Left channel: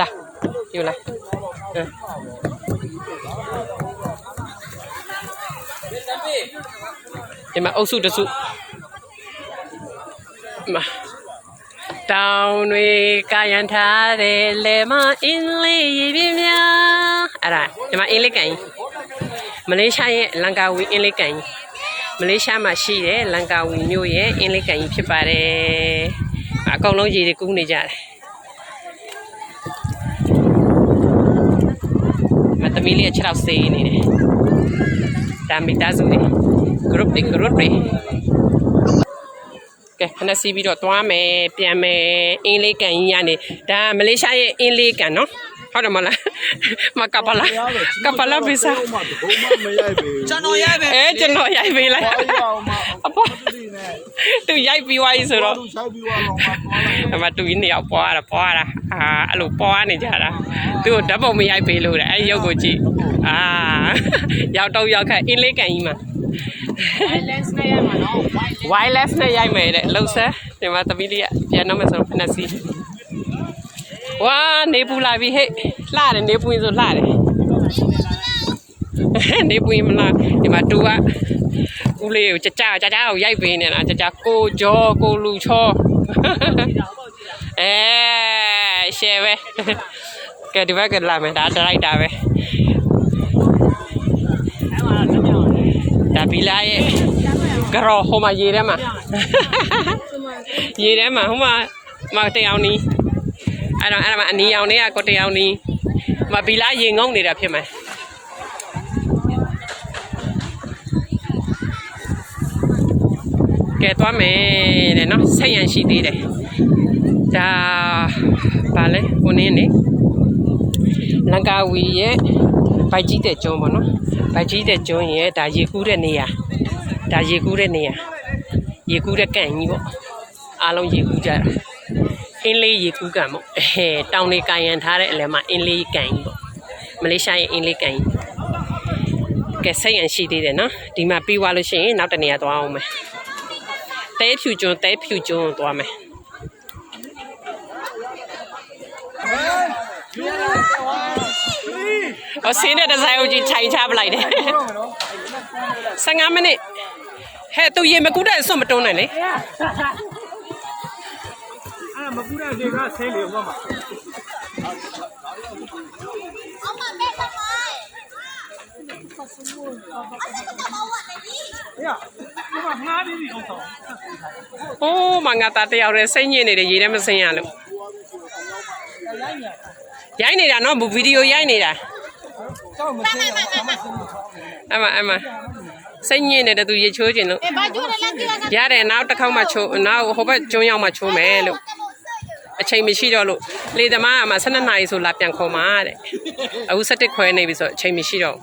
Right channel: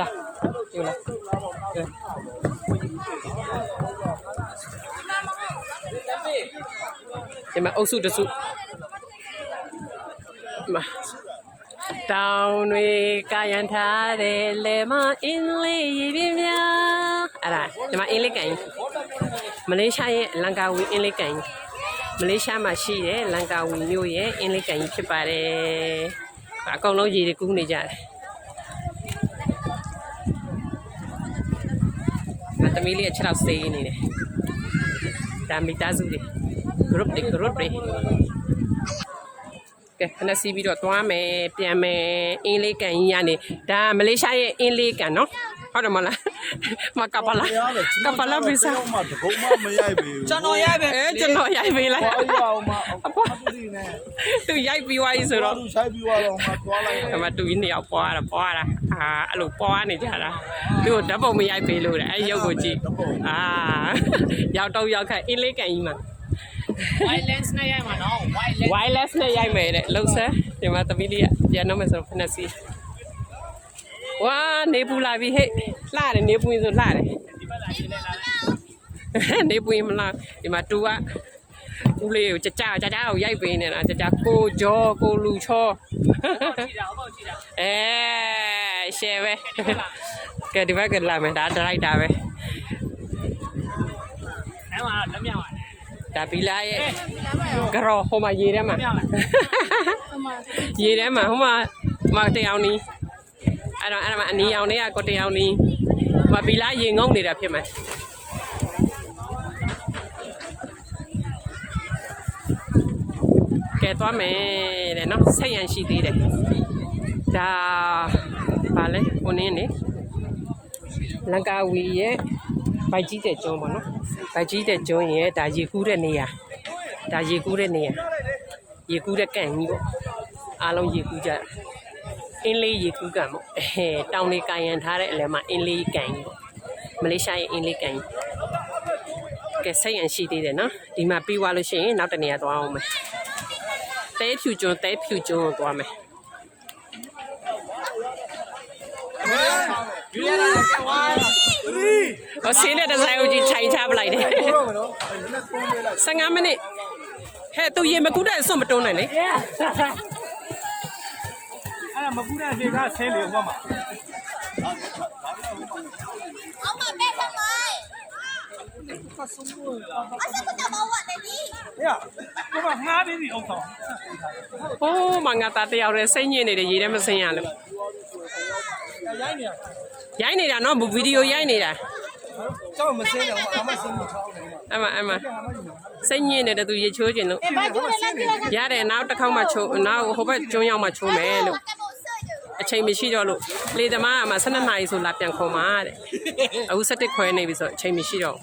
လာယူလာဒီမှာအုပ်စုတစုမှာတောင်တွေကာယံထားတယ်လေမအင်းလေးရေပြင်းများအဲ့ဒါဒီမှာအင်းလေးကန်မလေးရှားရဲ့လန်ကာဝီအင်းလေးကန်မလေးရှားမှာရှိတဲ့လန်ကာဝီမြို့ရဲ့အင်းလေးကန်ဖြစ်ပါတယ်အကောင်လုံးရေတွေကူးနေကြတယ်မသမီးလေး6ရောက်စေးနေတယ်ဒါမိသားစုတွေ group တွေကဲခဏစီးပြီးတော့သွားမယ်ပြန်မယ်အင်းလေးကန်ကြီးရနေဒါမလေးရှားရဲ့အင်းလေးကန်နော်ဟုတ်တယ်မလားမကပလာဗီဇာကျွန်တော်ရိုက်ပဲကျွန်တော်ရိုက်ပေးလိုက်အပေါ်သူရိုက်ပြီးသွားပြီဆိုတော့အမတူကြီးနေရောက်ပွားတာအဲ့လိုပွားနေကြတာသူ့ကိုဓာတ်ပုံမရိုက်ပေးလို့တဲ့အဲ့ရုပ်ကိုကြည့်ရောက်တော့ရောက်ခက်အင်းလေးကန်ကြီးမှာwireless နဲ့ရိုက်မှာနော် wireless နဲ့ရိုက်မယ်တဲ့လှုပ်ဆဲဒီမှာသမီးလေးကပြန်တော့မယ်ဆိုတော့ဖနက်စီဝါနေပူလာပြီဟဲ့လှတယ်နေပူရင်ဆိုလှတယ်နေပူရင်မလားဒီမှာတူကဦးလေးကိုကြာကိုရိုက်ပေးနေတာကြာကိုကြောကိုလူချောရှယ်ပဲကဲဒီဘက်ကလာမယ်ဒါဒရိုက်တာပဲဒါဘီလာရဲ့ကရောဟိုမှာရေထဲမှာရေထဲမှာဟိုမှာတယောက်နီးအဲ့တော့အနီရောင်လေးကကိုတယောက်နီးမဘီလာရေငုံနေတာဖြစ်မယ်ကဲသွားမယ်တဲ့နော်ဆက်ရန်ရှိသေးတယ်ဒါဗာလဲဟိုနင်းနေလန်ကာဝီရဲ့ဗိုက်ကြီးတဲ့ကျွန်းပေါ့နော်ဗိုက်ကြီးတဲ့ကျွန်းရဲ့ဒါရေကူးတဲ့နေရာရေကူးတဲ့ကန်ကြီးပေါ့အားလုံးရေကူးကြတာအင်းလေးရေကူးကန်ပေါ့တောင်လေးကာယံထားတဲ့အလဲမှာအင်းလေးကန်ကြီးပေါ့မလေးရှားရဲ့အင်းလေးကန်ကြီးကဲဆက်ရန်ရှိသေးတယ်နော်ဒီမှာပြီးသွားလို့ရှိရင်နောက်တနေရာသွားအောင်မယ်တဲဖြူကျွန်းသွားမယ်ဆင်းတဲ့ဒီဇိုင်းကိုကြည့်ထိုင်ချပလိုက်တယ်15မိနစ်ဟဲ့သူရေမကူးတဲ့ဆွတ်မတုံးနိုင်လေအဲ့ဒါမကူတဲ့လေကဆဲလေဟောမှာအောင်မမဲ့သမိုင်းဖတ်ဆုံးလို့အဲ့ဒါကတော့ဝတ်နေပြီဟိုကငားပြီးပြီအောင်ဆောင်ဟိုးမငါသားတယောက်တည်းစိတ်ညစ်နေတယ်ရေထဲမစင်းရလို့ရိုက်နေတာနော်ဗီဒီယိုရိုက်နေတာကျောင်းမစင်းရအောင်အမစင်းမချောင်းနေအမစိတ်ညစ်နေတယ်သူရေချိုးခြင်းလို့ရတယ်နောက်တစ်ခေါက်မှချိုးနောက်ဟိုဘက်ကျွန်းရောက်မှချိုးမယ်လို့အချိန်မရှိတော့လို့လေသမားကမှ12နာရီဆိုလာပြန်ခေါ်မှာတဲ့အခု7ခွဲနေပြီဆိုအချိန်မရှိတော့